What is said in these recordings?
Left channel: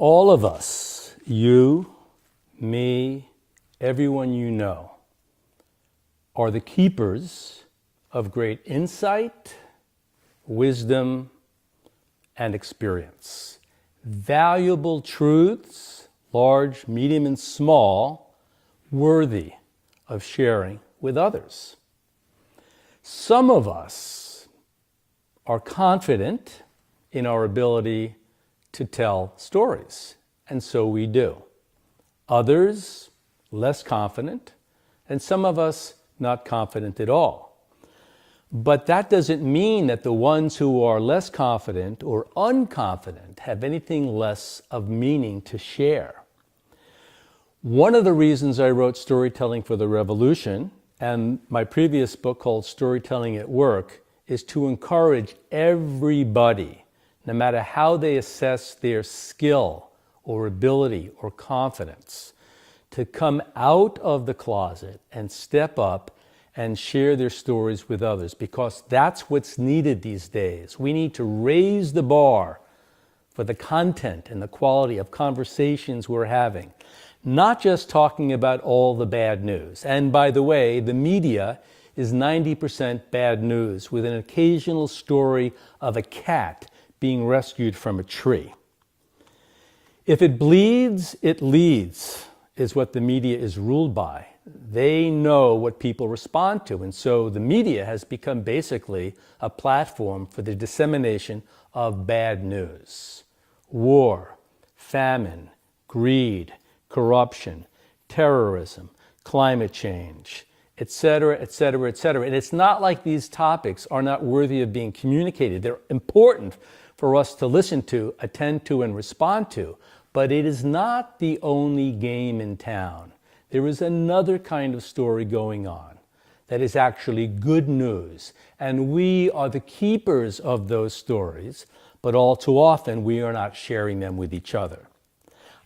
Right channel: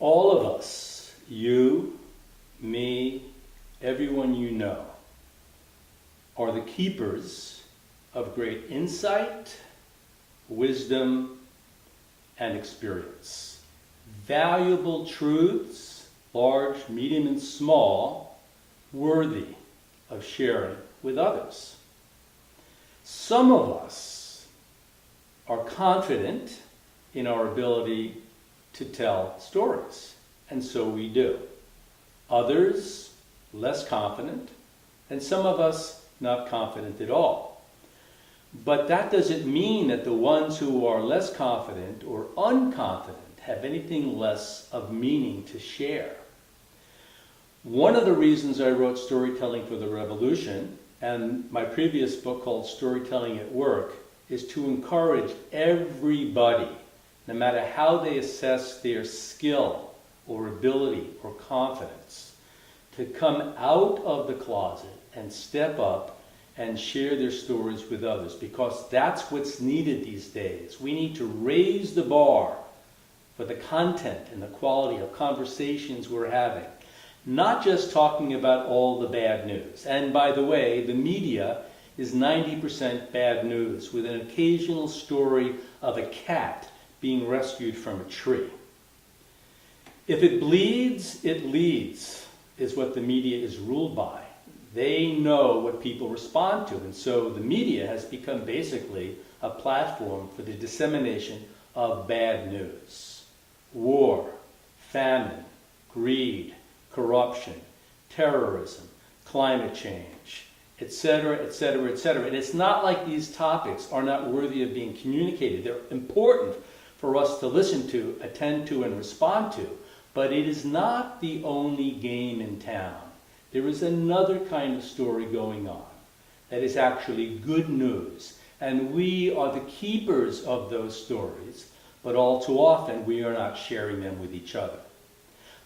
All of us, you, me, everyone you know, are the keepers of great insight, wisdom, and experience. Valuable truths, large, medium, and small, worthy of sharing with others. Some of us are confident in our ability to tell stories, and so we do. Others, less confident, and some of us not confident at all. But that doesn't mean that the ones who are less confident or unconfident have anything less of meaning to share. One of the reasons I wrote Storytelling for the Revolution and my previous book called Storytelling at Work is to encourage everybody, no matter how they assess their skill or ability or confidence, to come out of the closet and step up and share their stories with others, because that's what's needed these days. We need to raise the bar for the content and the quality of conversations we're having, not just talking about all the bad news. And by the way, the media is 90% bad news, with an occasional story of a cat being rescued from a tree. If it bleeds, it leads, is what the media is ruled by. They know what people respond to, and so the media has become basically a platform for the dissemination of bad news. War, famine, greed, corruption, terrorism, climate change, etc., etc., etc. And it's not like these topics are not worthy of being communicated. They're important for us to listen to, attend to, and respond to. But it is not the only game in town. There is another kind of story going on that is actually good news. And we are the keepers of those stories, but all too often we are not sharing them with each other.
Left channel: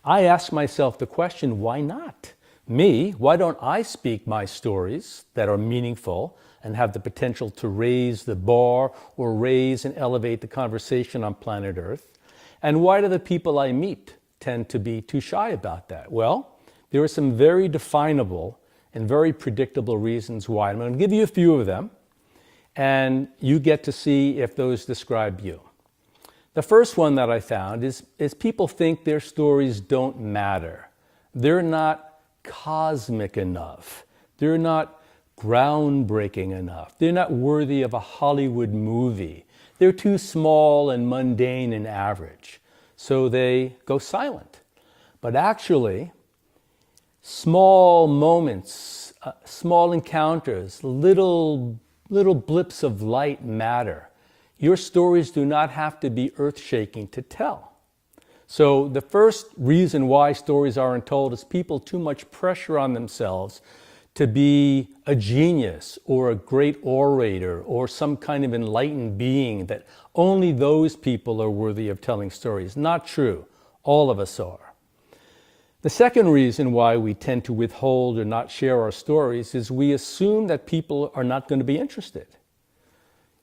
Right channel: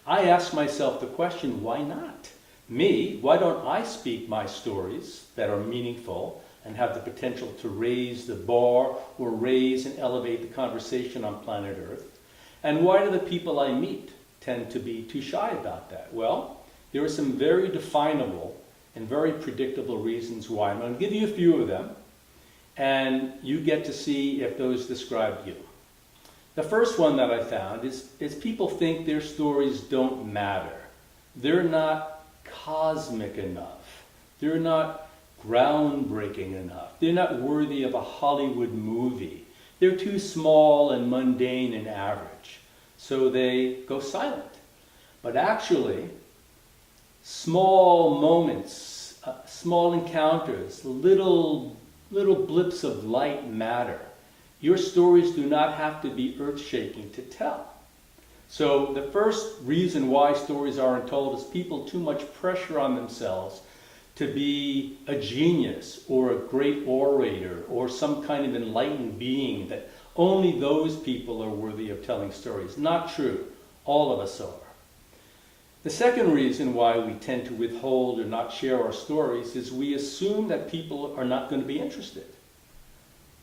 I ask myself the question, why not? Me, why don't I speak my stories that are meaningful and have the potential to raise the bar or raise and elevate the conversation on planet Earth? And why do the people I meet tend to be too shy about that? Well, there are some very definable and very predictable reasons why. I'm going to give you a few of them, and you get to see if those describe you. The first one that I found is people think their stories don't matter. They're not cosmic enough. They're not groundbreaking enough. They're not worthy of a Hollywood movie. They're too small and mundane and average. So they go silent. But actually, small moments, small encounters, little blips of light matter. Your stories do not have to be earth-shaking to tell. So the first reason why stories aren't told is people too much pressure on themselves to be a genius or a great orator or some kind of enlightened being, that only those people are worthy of telling stories. Not true. All of us are. The second reason why we tend to withhold or not share our stories is we assume that people are not going to be interested.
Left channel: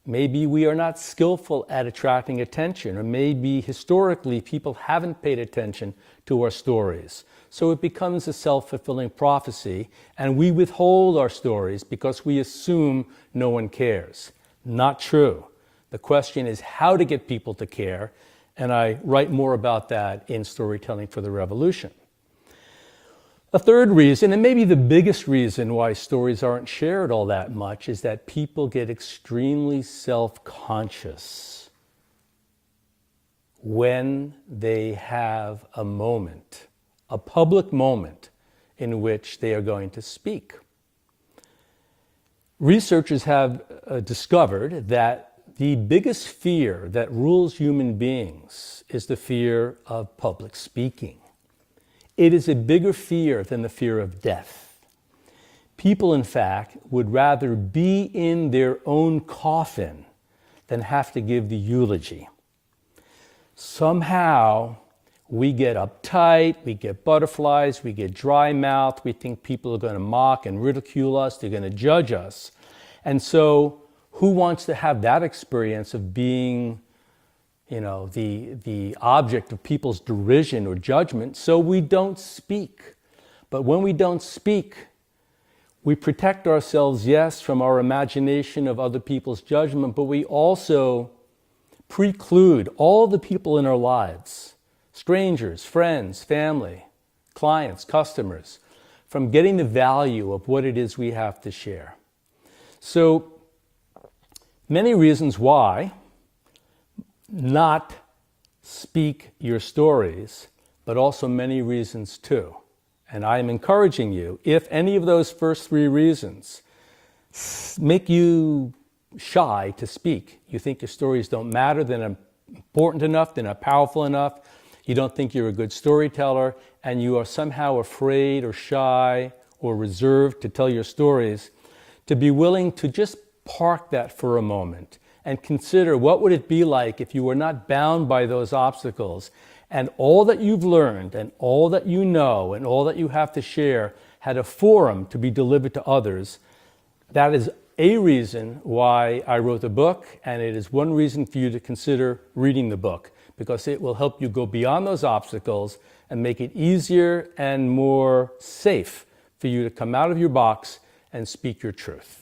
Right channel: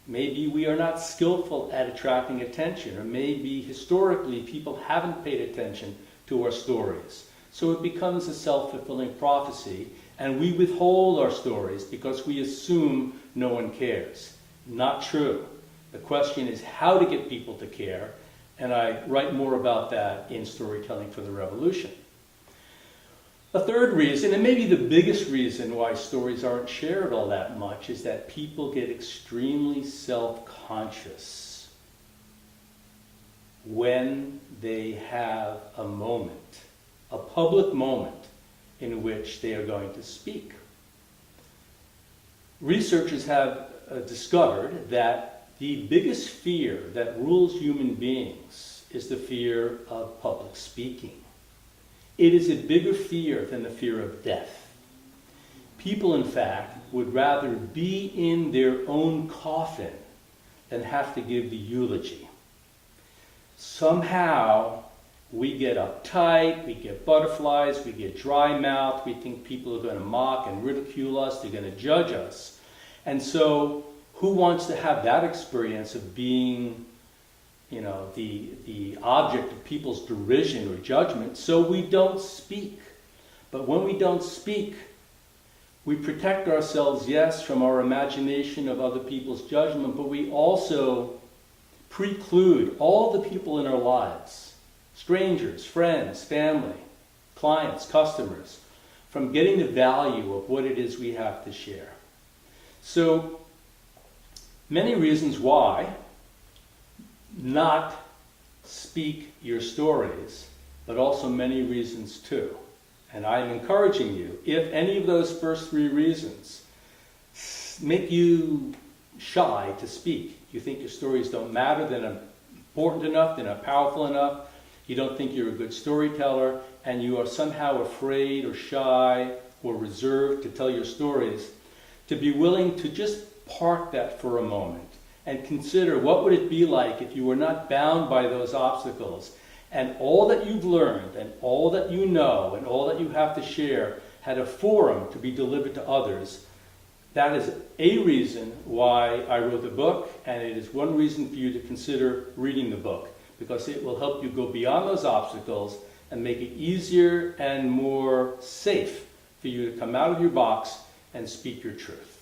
Maybe we are not skillful at attracting attention, or maybe historically people haven't paid attention to our stories. So it becomes a self-fulfilling prophecy, and we withhold our stories because we assume no one cares. Not true. The question is how to get people to care, and I write more about that in Storytelling for the Revolution. A third reason, and maybe the biggest reason why stories aren't shared all that much, is that people get extremely self-conscious when they have a moment, a public moment in which they are going to speak. Researchers have discovered that the biggest fear that rules human beings is the fear of public speaking. It is a bigger fear than the fear of death. People, in fact, would rather be in their own coffin than have to give the eulogy. Somehow, we get uptight, we get butterflies, we get dry mouth, we think people are going to mock and ridicule us, they're going to judge us. And so, who wants to have that experience of being the object of people's derision or judgment, so we don't speak. But when we don't speak, we protect ourselves, yes, from our imagination of other people's judgment, but we also preclude all the people in our lives, strangers, friends, family, clients, customers, from getting the value of what it is we have to share. So, many reasons why not speak your stories, but also many reasons too. And I am encouraging you, if any of those first three reasons make you shy to speak, you think your stories don't matter, they're not important enough, they're not powerful enough, you don't think you're a good storyteller, and you are somehow afraid or shy or reserved to tell your stories, to be willing to just park that for a moment and consider what would it be like if you were not bound by those obstacles, and all that you've learned and all that you know and all that you have to share had a forum to be delivered to others. That is a reason why I wrote the book, and it is one reason for you to consider reading the book, because it will help you go beyond those obstacles and make it easier and more safe for you to come out of your box and speak your truth.